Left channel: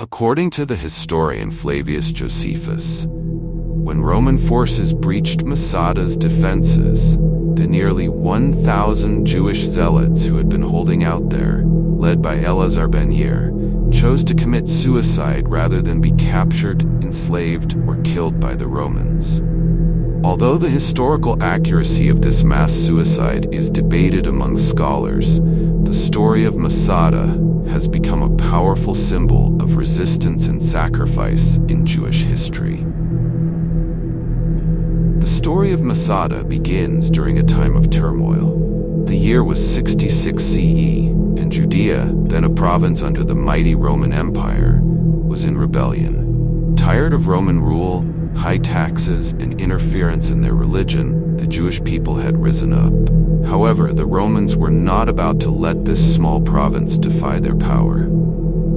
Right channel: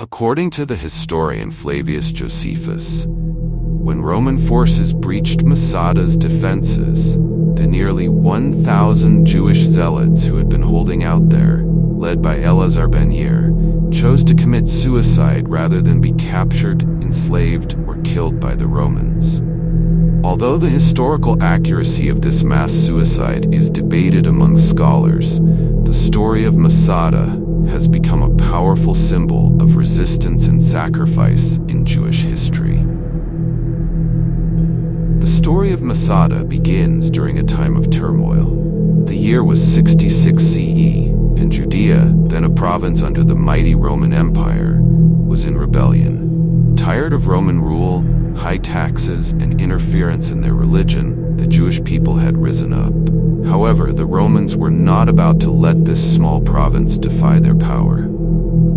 According to the historian Flavius Josephus, when Roman forces breached Masada's defenses, the nearly 1,000 Jewish zealots who had been holding out there, led by Eleazar ben Yair, chose to commit suicide rather than be captured, enslaved, or killed by the Romans. Although the historical accuracy of this mass suicide is debated among scholars, the story of Masada has become a powerful symbol of resistance and sacrifice in Jewish history. The story of Masada begins during a time of turmoil. The year was 66 CE, and Judea, then a province under the mighty Roman Empire, was in rebellion. Tired of Roman rule, high taxes, and interference in their religion, the Jewish people had risen up. However, the Romans were not about to let this small province defy their power.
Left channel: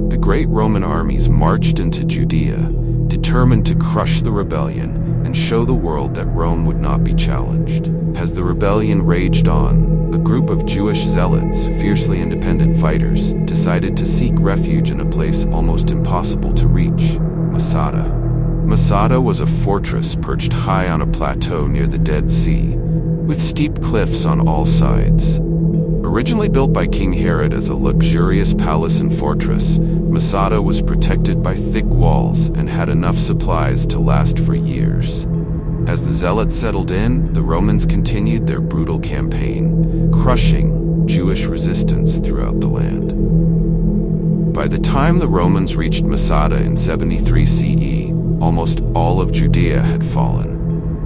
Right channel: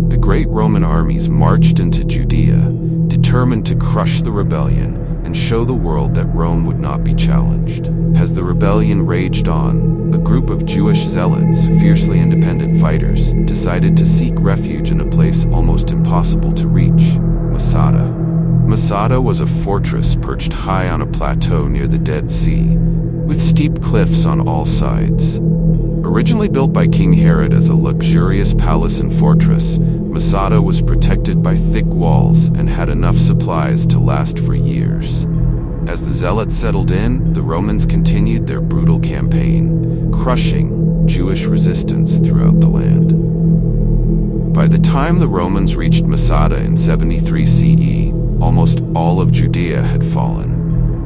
The great Roman armies marched into Judea, determined to crush the rebellion and show the world that Rome would not be challenged. As the rebellion raged on, a group of Jewish zealots, fiercely independent fighters, decided to seek refuge in a place almost impossible to reach: Masada. Masada was a fortress perched high on a plateau near the Dead Sea, with steep cliffs on all sides. Originally built by King Herod as a luxurious palace and fortress, Masada was protected by thick walls and had enough supplies to last for years. As the Zealots settled in, the Romans continued their brutal campaign, crushing Jewish resistance throughout the land. By the time the Romans reached Masada in 73 CE, almost all of Judea had fallen.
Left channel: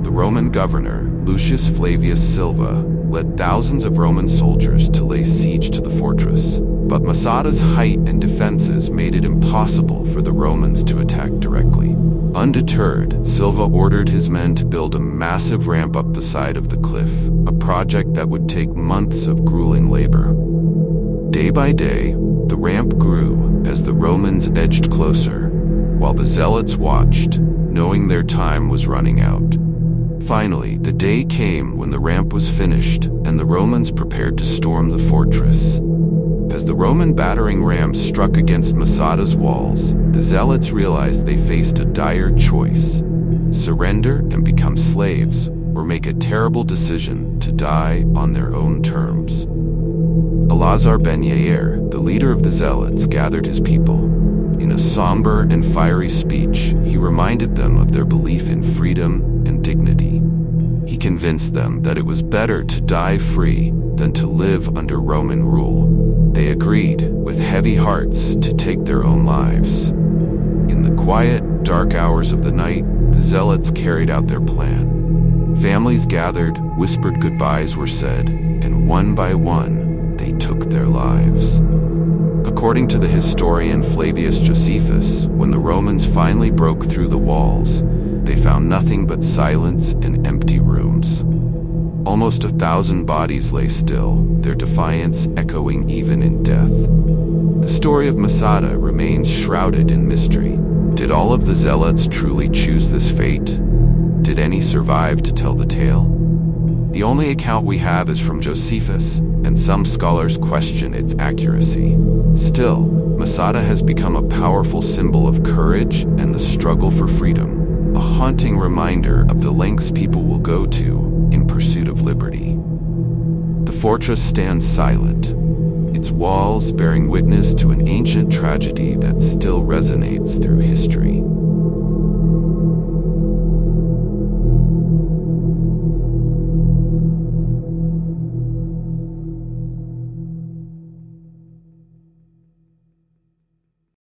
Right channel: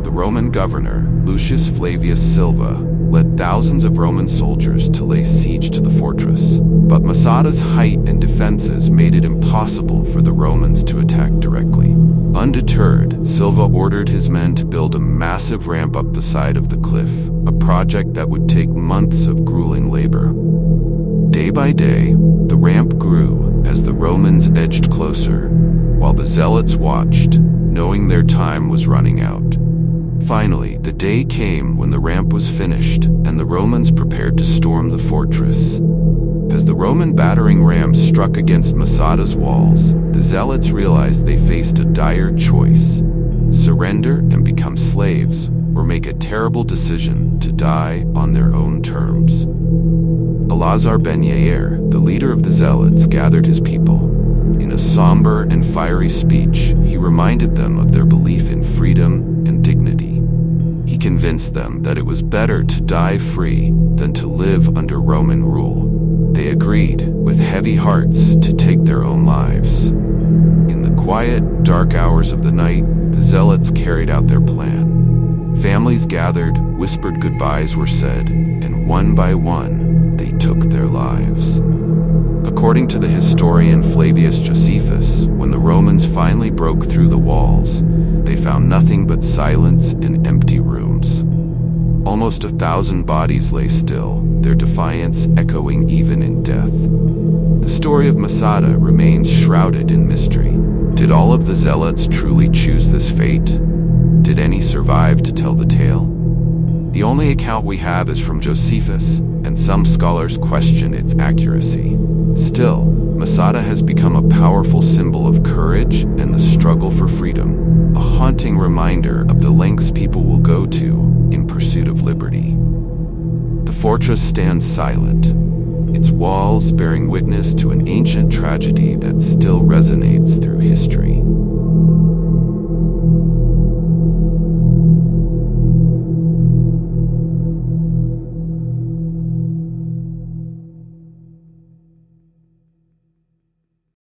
The Roman governor, Lucius Flavius Silva, led thousands of Roman soldiers to lay siege to the fortress. But Masada's height and defenses made it impossible for the Romans to attack directly. Undeterred, Silva ordered his men to build a massive ramp up the side of the cliff, a project that would take months of grueling labor. Day by day, the ramp grew as the Romans edged closer, while the Zealots watched, knowing their time was running out. Finally, the day came when the ramp was finished, and the Romans prepared to storm the fortress. As the Roman battering rams struck against Masada's walls, the Zealots realized they faced a dire choice: surrender and become slaves, or make a terrible decision to die on their own terms. Eleazar ben Yair, the leader of the Zealots, gathered his people. In a somber and fiery speech, he reminded them of their belief in freedom and dignity. He convinced them that it was better to die free than to live under Roman rule. They agreed, with heavy hearts, to take their own lives. In the quiet, dark hours of the night, the Zealots carried out their plan. Families gathered, whispered goodbyes were said, and one by one, they took their lives. According to the historian Flavius Josephus, when the Romans finally broke through the walls, they found nothing but silence and empty rooms. Almost 1,000 bodies lay still, their defiance echoing even in death. The story of Masada remains shrouded in mystery. Did all of the Zealots truly choose this fate? Did any survive to tell the tale? The only account we have is from Josephus, and some scholars question its accuracy. Still, Masada has become a powerful symbol of courage and the struggle for freedom, a haunting reminder of the lengths people will go to in pursuit of liberty. The fortress stands silent, its walls bearing witness to an ancient tragedy that still resonates through history.